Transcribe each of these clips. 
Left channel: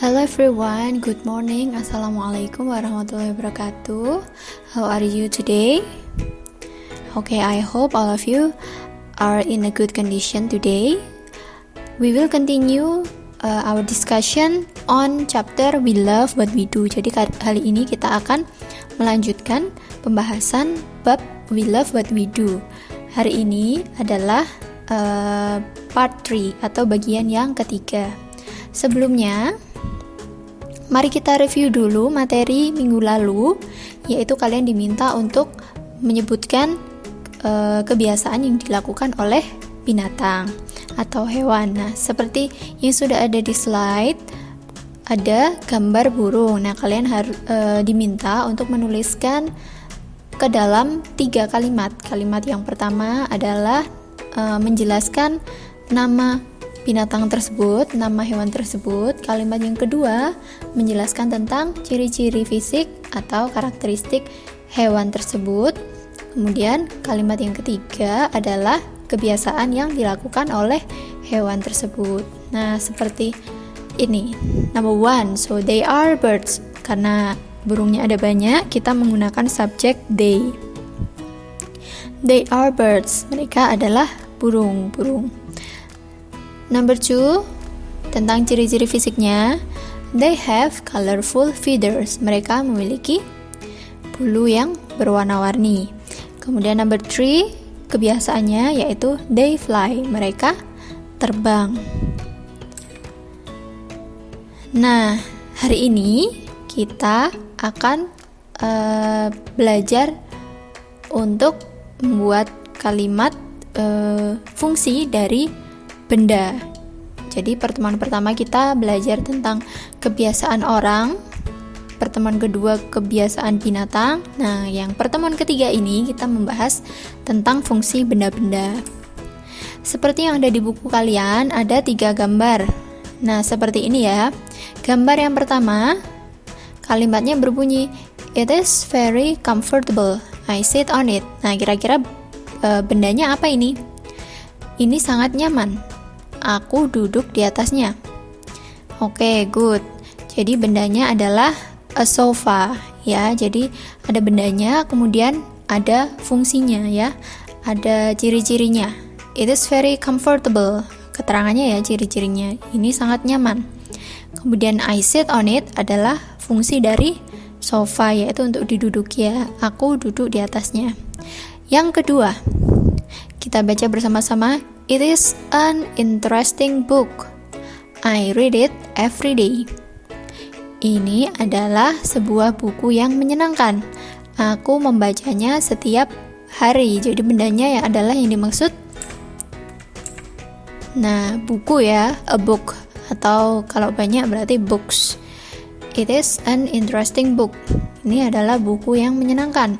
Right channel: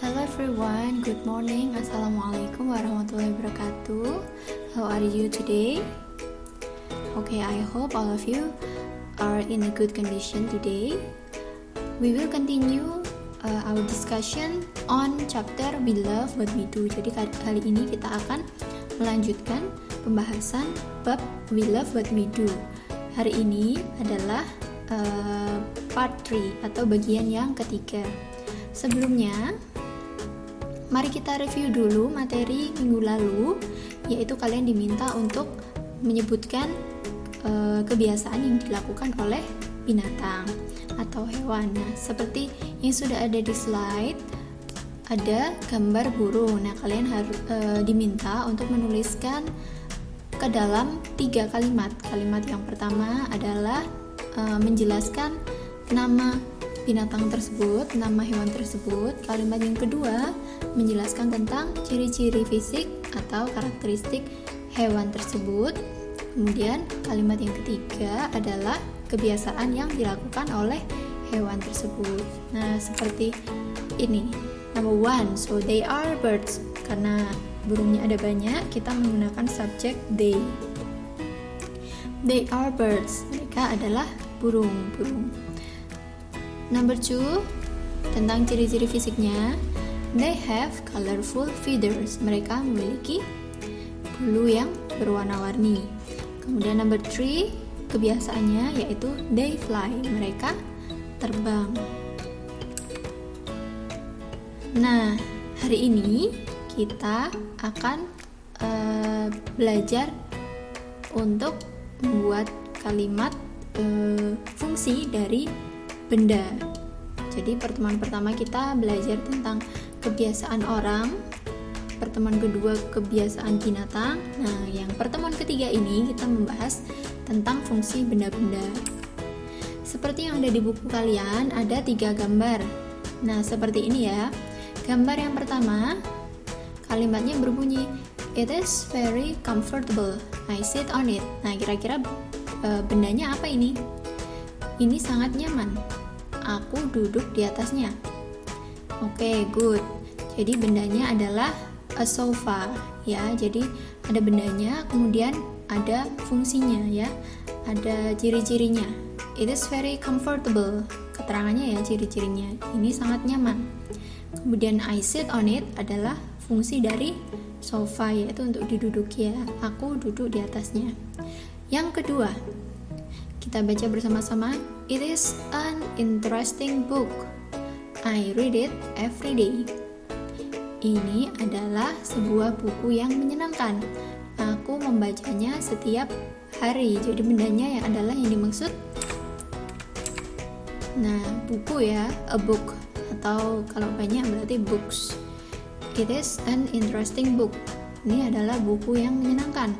Hello everyone, good morning. Assalamualaikum warahmatullahi wabarakatuh. How are you today? Okay, I hope all of you are in a good condition today. We will continue our discussion on chapter We Love What We Do. Jadi kali ini kita akan melanjutkan pembahasan bab We Love What We Do. Hari ini adalah part 3 atau bagian yang ketiga. Sebelumnya, mari kita review dulu materi minggu lalu, yaitu kalian diminta untuk menyebutkan kebiasaan yang dilakukan oleh binatang atau hewan. Nah, seperti yang sudah ada di slide, ada gambar burung. Nah, kalian harus diminta untuk menuliskan ke dalam 3 kalimat. Kalimat yang pertama adalah menjelaskan nama binatang tersebut, nama hewan tersebut. Kalimat yang kedua menjelaskan tentang ciri-ciri fisik atau karakteristik hewan tersebut. Kemudian kalimat yang ketiga adalah kebiasaan yang dilakukan oleh hewan tersebut. Nah, seperti ini. Number 1, so they are birds. Karena burungnya ada banyak, kita menggunakan subjek they. They are birds. Mereka adalah burung-burung. Number 2, tentang ciri-ciri fisiknya. They have colorful feathers. Mereka memiliki bulu yang berwarna-warni. Kemudian number 3, kebiasaannya yaitu they fly. Mereka terbang. Nah, hari ini kita akan belajar untuk membuat kalimat fungsi dari benda. Jadi pertemuan pertama kita belajar tentang kebiasaan orang, pertemuan kedua kebiasaan binatang. Nah, yang pertemuan ketiga ini kita membahas tentang fungsi benda-benda. Seperti yang ada di buku kalian, ada 3 gambar. Nah, seperti ini ya. Gambar yang pertama, kalimatnya berbunyi, "It is very comfortable. I sit on it." Nah, kira-kira bendanya apa ini? Ini sangat nyaman. Aku duduk di atasnya. Oke, good. Jadi bendanya adalah a sofa ya. Jadi ada bendanya, kemudian ada fungsinya ya. Ada ciri-cirinya. It is very comfortable. Keterangannya ya, ciri-cirinya. Ini sangat nyaman. Kemudian I sit on it adalah fungsi dari sofa, yaitu untuk diduduki ya. Aku duduk di atasnya. Yang kedua, kita baca bersama-sama. It is an interesting book. I read it every day. Ini adalah sebuah buku yang menyenangkan. Aku membacanya setiap hari. Jadi bendanya yang adalah yang dimaksud. Nah, buku ya, a book. Atau kalau banyak berarti books. It is an interesting book. Ini adalah buku yang menyenangkan.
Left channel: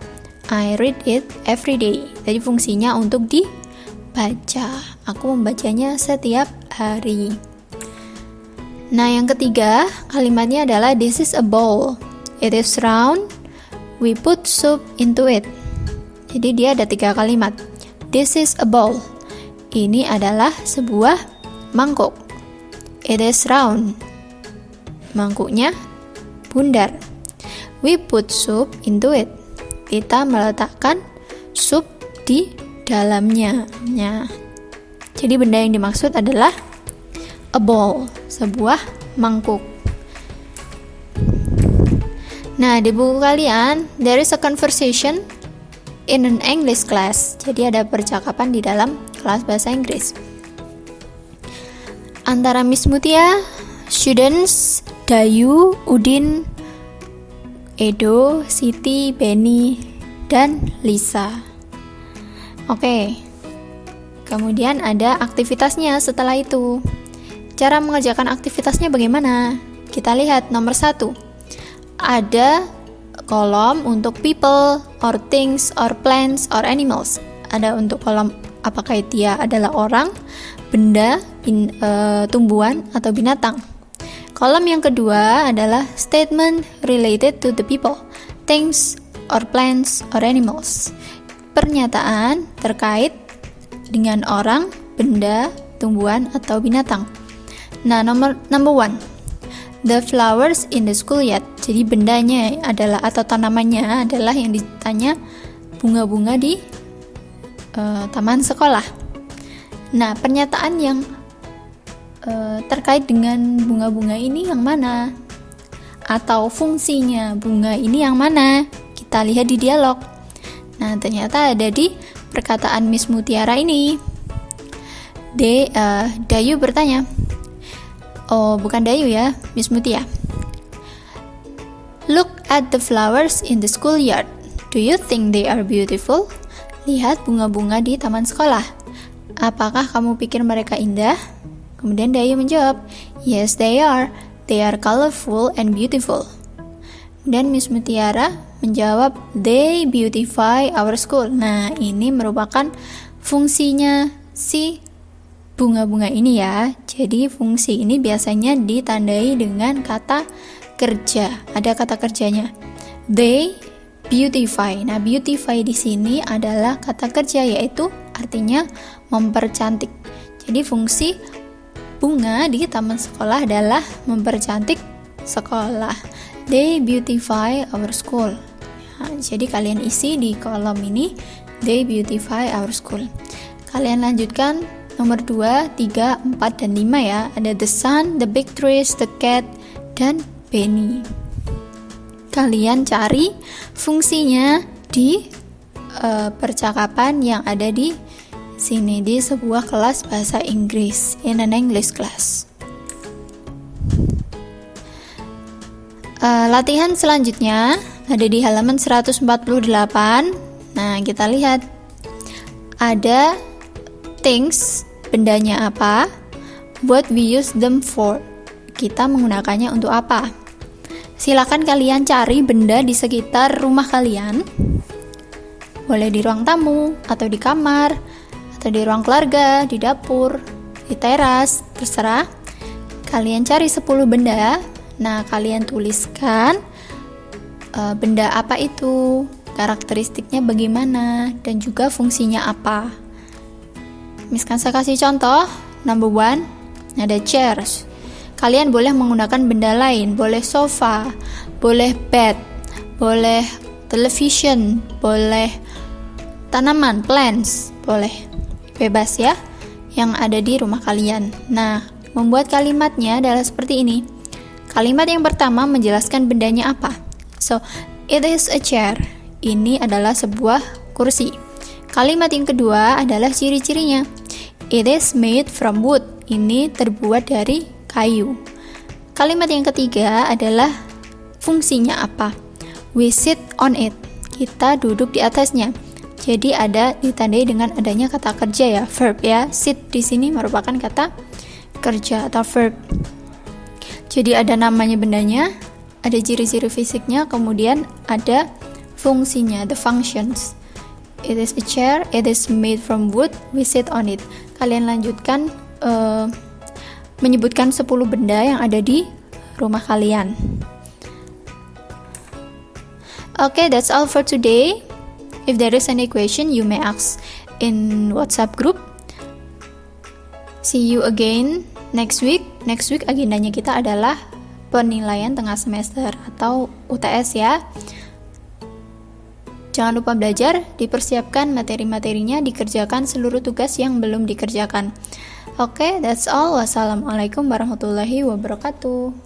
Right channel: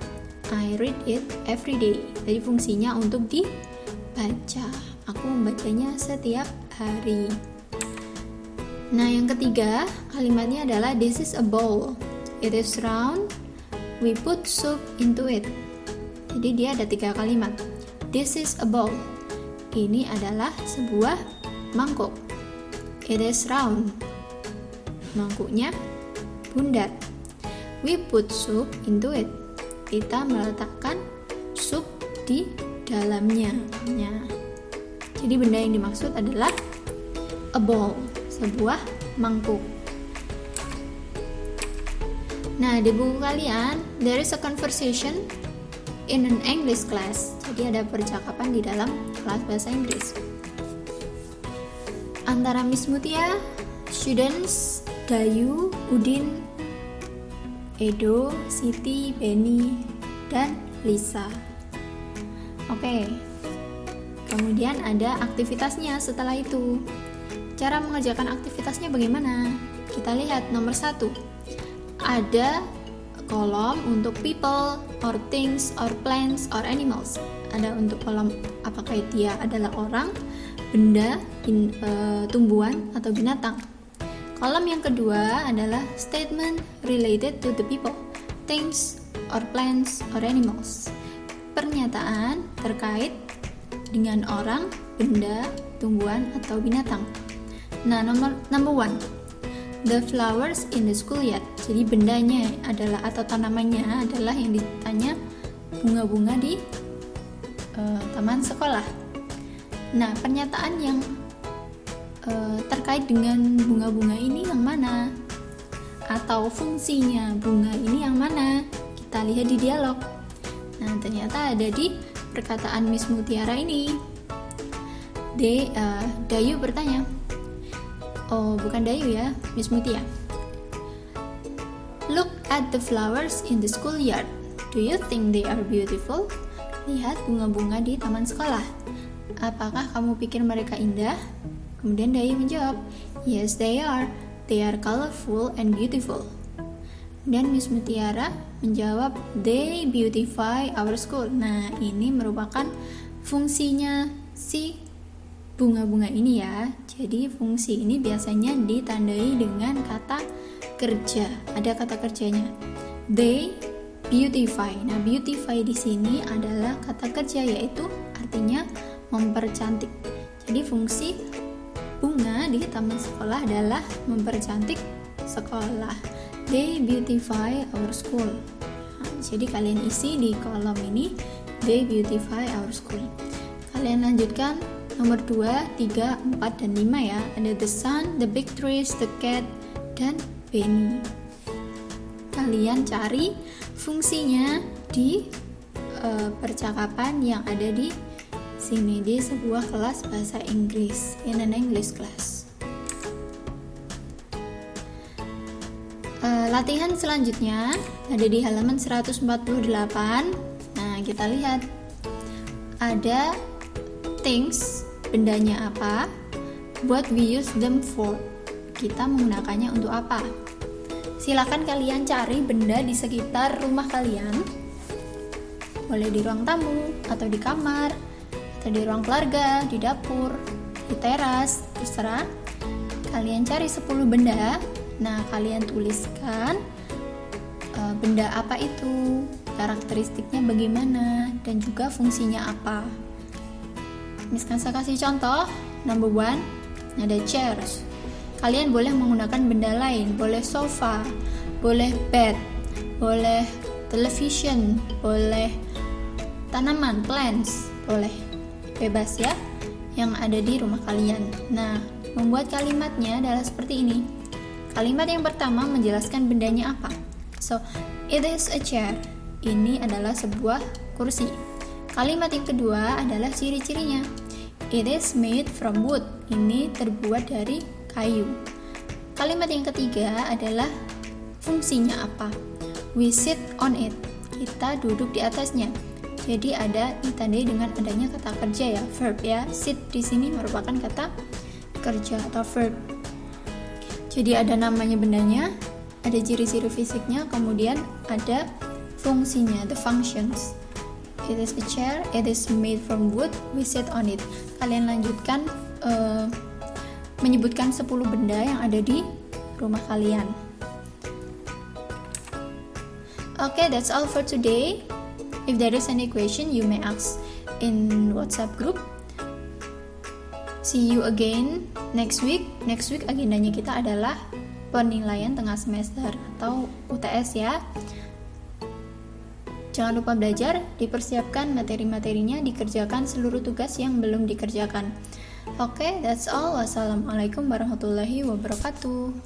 I read it every day. Jadi fungsinya untuk dibaca. Aku membacanya setiap hari. Nah, yang ketiga, kalimatnya adalah this is a bowl. It is round. We put soup into it. Jadi dia ada 3 kalimat. This is a bowl. Ini adalah sebuah mangkuk. It is round. Mangkuknya bundar. We put soup into it. Kita meletakkan sup di dalamnya. Jadi benda yang dimaksud adalah a bowl, sebuah mangkuk. Nah, di buku kalian there is a conversation in an English class. Jadi ada percakapan di dalam kelas bahasa Inggris antara Miss Mutia, students Dayu, Udin, Edo, Siti, Benny, dan Lisa. Oke. Kemudian ada aktivitasnya setelah itu. Cara mengerjakan aktivitasnya bagaimana? Kita lihat nomor 1. Ada kolom untuk people, or things, or plants, or animals. Ada untuk kolom apakah dia adalah orang, benda, tumbuhan, atau binatang. Kolom yang kedua adalah statement related to the people, things, or plants, or animals. Pernyataan terkait dengan orang, benda, tumbuhan, atau binatang. Nah, number 1. the flowers in the schoolyard. Jadi bendanya adalah atau tanamannya adalah yang ditanya bunga-bunga di taman sekolah. Nah, pernyataan yang terkait dengan bunga-bunga ini yang mana? Atau fungsinya bunga ini yang mana? Kita lihat di dialog. Nah, ternyata ada di perkataan Miss Mutiara ini. Dayu bertanya. Oh, bukan Dayu ya, Miss Mutia. Look at the flowers in the schoolyard. Do you think they are beautiful? Lihat bunga-bunga di taman sekolah. Apakah kamu pikir mereka indah? Kemudian Dayu menjawab, yes they are. They are colorful and beautiful. Dan Miss Mutiara menjawab, they beautify our school. Nah, ini merupakan fungsinya si bunga-bunga ini ya. Jadi fungsi ini biasanya ditandai dengan kata kerja. Ada kata kerjanya. They beautify. Nah, beautify di sini adalah kata kerja, yaitu artinya mempercantik. Jadi fungsi bunga di taman sekolah adalah mempercantik sekolah. They beautify our school. Nah, jadi kalian isi di kolom ini, they beautify our school. Kalian lanjutkan nomor 2, 3, 4, dan 5 ya. Ada the sun, the big trees, the cat, dan Benny. Kalian cari fungsinya di percakapan yang ada di sini, di sebuah kelas bahasa Inggris, in an English class. Latihan selanjutnya ada di halaman 148. Nah, kita lihat ada things, bendanya apa, what we use them for, kita menggunakannya untuk apa. Silakan kalian cari benda di sekitar rumah kalian, boleh di ruang tamu, atau di kamar, atau di ruang keluarga, di dapur, di teras, terserah. Kalian cari 10 benda. Nah, kalian tuliskan benda apa itu, karakteristiknya bagaimana, dan juga fungsinya apa. Miss Kansa kasih contoh. Number 1, ada chairs. Kalian boleh menggunakan benda lain, boleh sofa, boleh bed, boleh television, boleh tanaman, plants, boleh. Bebas ya, yang ada di rumah kalian. Nah, membuat kalimatnya adalah seperti ini. Kalimat yang pertama menjelaskan bendanya apa. So, it is a chair. Ini adalah sebuah kursi. Kalimat yang kedua adalah ciri-cirinya. It is made from wood. Ini terbuat dari kayu. Kalimat yang ketiga adalah fungsinya apa. We sit on it. Kita duduk di atasnya. Jadi ada ditandai dengan adanya kata kerja ya, verb ya. Sit di sini merupakan kata kerja atau verb. Jadi ada namanya bendanya, ada ciri-ciri fisiknya, kemudian ada fungsinya, the functions. It is a chair, it is made from wood, we sit on it. Kalian lanjutkan menyebutkan 10 benda yang ada di rumah kalian. Okay, that's all for today. If there is any question, you may ask in WhatsApp group. See you again next week. Next week agendanya kita adalah penilaian tengah semester atau UTS ya. Jangan lupa belajar, dipersiapkan materi-materinya, dikerjakan seluruh tugas yang belum dikerjakan. Oke, that's all. Wassalamualaikum warahmatullahi wabarakatuh.